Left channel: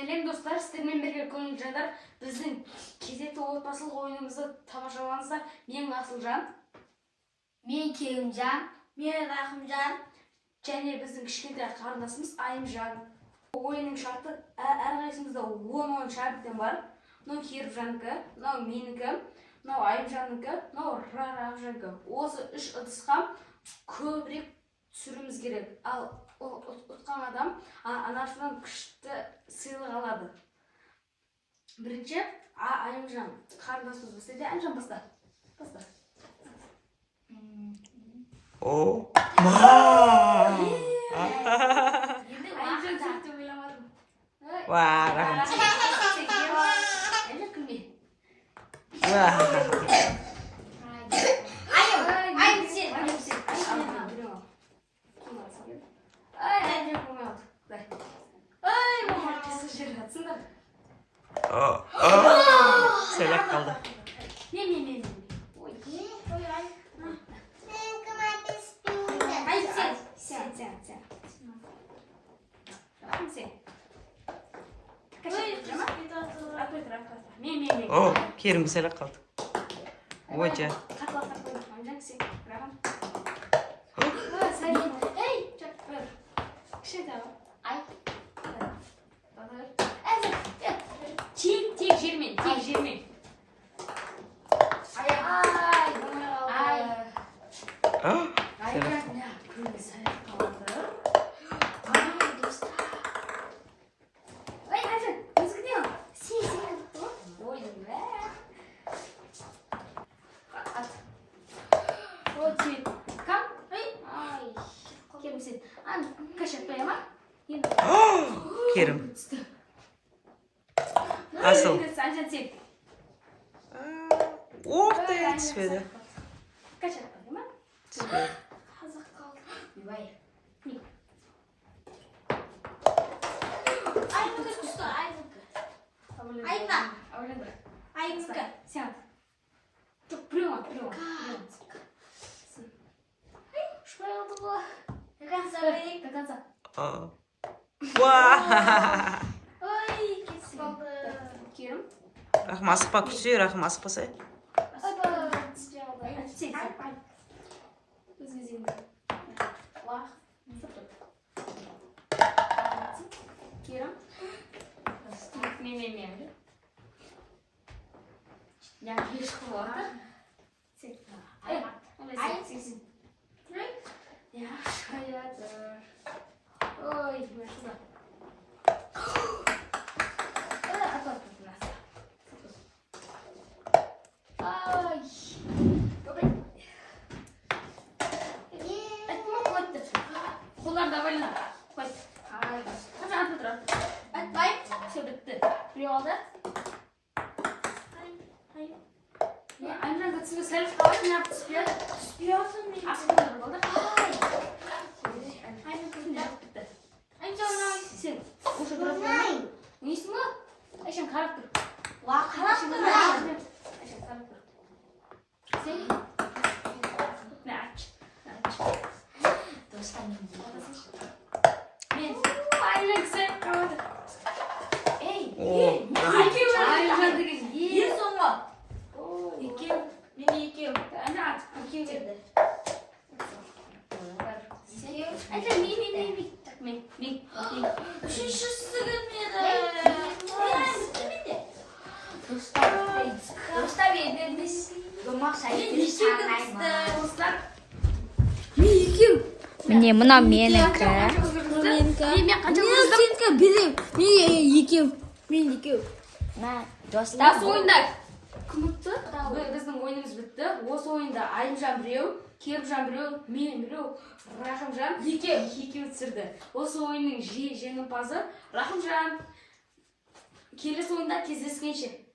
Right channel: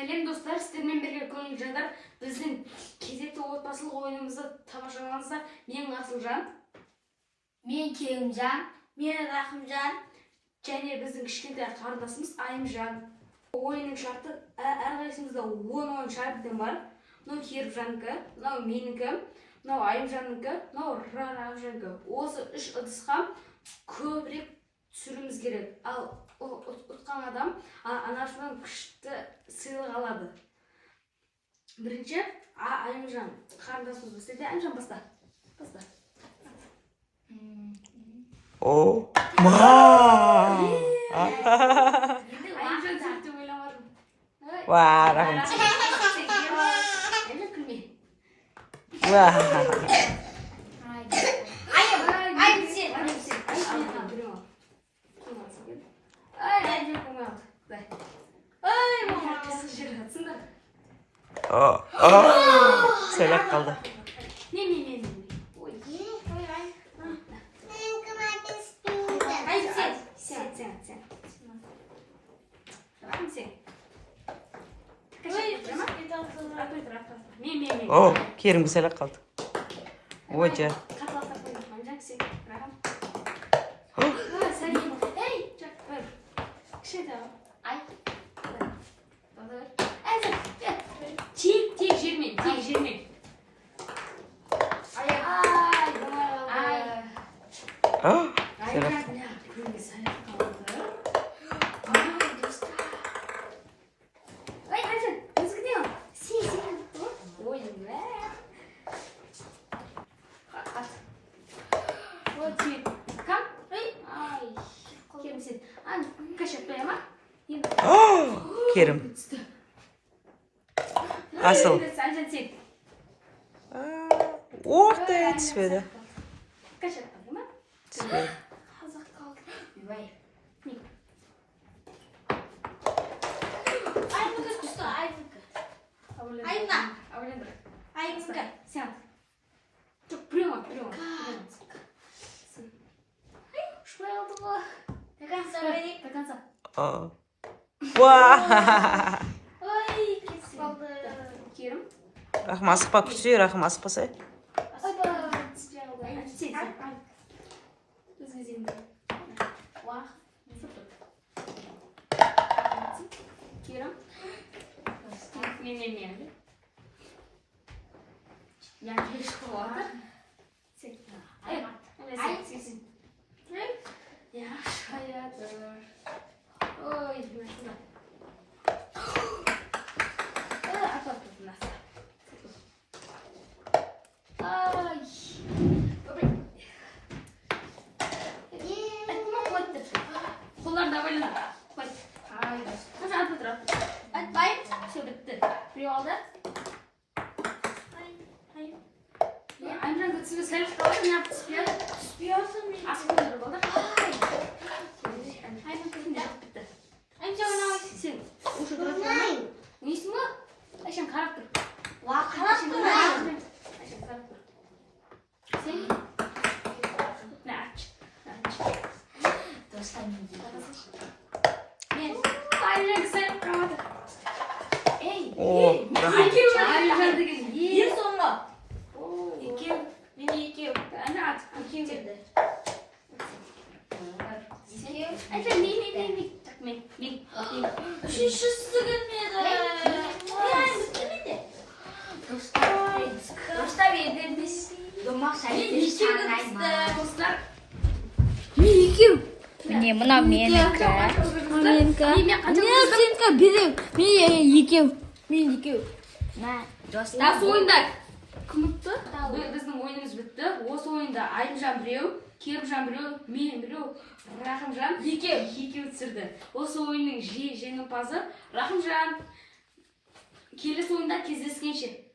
Сәлем достар, сіздермен бірге көңіл жандар. Біздің кезекті отбасылық ойынымызды тамашалаңыздар. Мен Асылжан, мен Керімжан, мен Рахымжан, және біздің кішкентай қарындасымыз Айымжан. Ойынның шарты әрқайсымызда 10 ойын шарттан бар. Мынау Керімжанікі, мынау менікі, мынау Айымжанікі, мынау Рахымжанікі. Осы 3 ыдысқа көбірек түсіруіміз керек. Ал ұтқан адам анашынан күшті сыйлық алады. Бірінші Айымжан қарындасымыз бастайды. Айымжан баста. О, ма! Айымжан сөйтіп ойламадым. Ва, рахым. Айымжан күлме. Ва. Айым сен. Söylep kaldı. Не. Ой. Сен. O, Kerim söylep kaldı. Hoca. Тек жермен. Söylep. Kerim. Asıl. Ortaya düşmedi. Düşmedi. Ва. Рахым асықпа күші, рахым асықпаса. Қолдан да байлана. Қойт. Қашан атып тұр? Атпай. Все, бітті. Біреу алды. Айымжан түсігі сәл қалай не апты түспейді? Түспейді мен. Асып қойды балдар. Бітті. Сен осы дұрыс болмай. Несің ба? Айшан қарап тұр. Қарап тұр. Айшан қарап тұр. Сен? Не, ач. Мен Айымжан сәл қалады. О, рахым. Айымжан деген Ең соңғы. екеу. Мен екеу. Ана ат. Екеу берді. Айымжан мен. Үшіншісі келмеді. Достар бердіңіз. Міне мына менікі. Мен екеу. Осы ойында кім ұтты? Біздің ойынымыз бітті. Осы ойында Айымжан біреу, Керімжан біреу, мен біреу, Рахымжан екеу түсірді. Осы ойынның жеңімпазы Рахымжан. Келесі ойында кездескенше.